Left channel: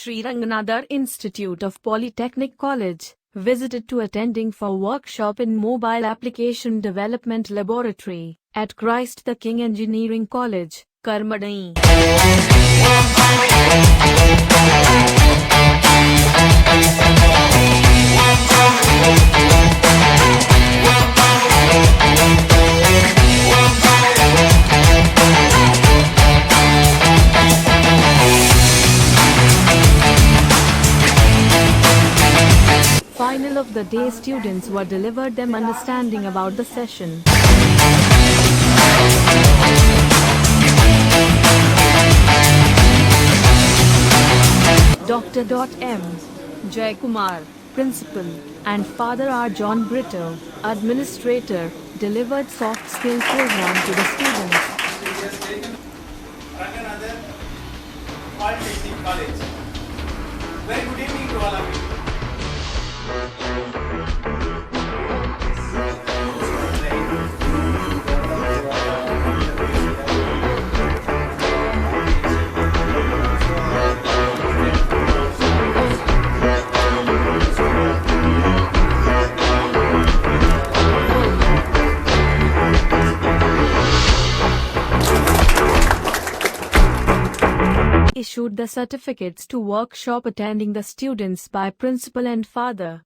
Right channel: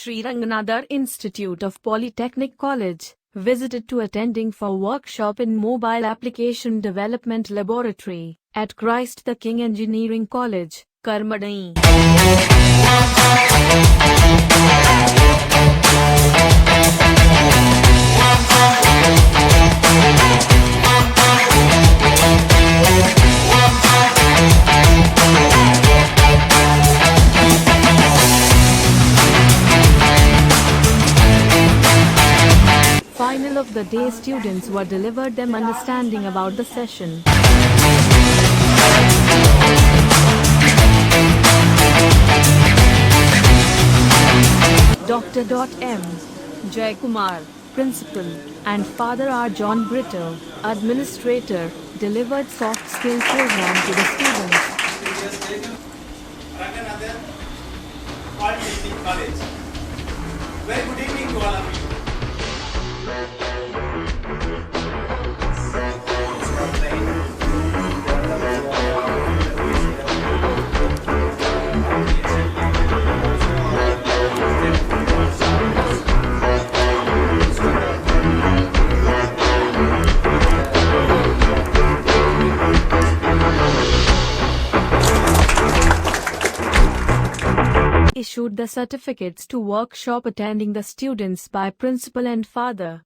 Sri Ranganathar Institute of Polytechnic College, visited to attending for workshop in Mobile Application Development Laboratory at Christ the King Engineering College, Karmadai. Final of the day, students were delivered them understanding about the session. Dr. M. Jaykumar, Principal, and Father R. John Brito, Administrator, delivered soft skill program to the students. Ranganathar Polytechnic College. Very good evening to all of you. Issued the certificates to workshop attending the students by principal and father.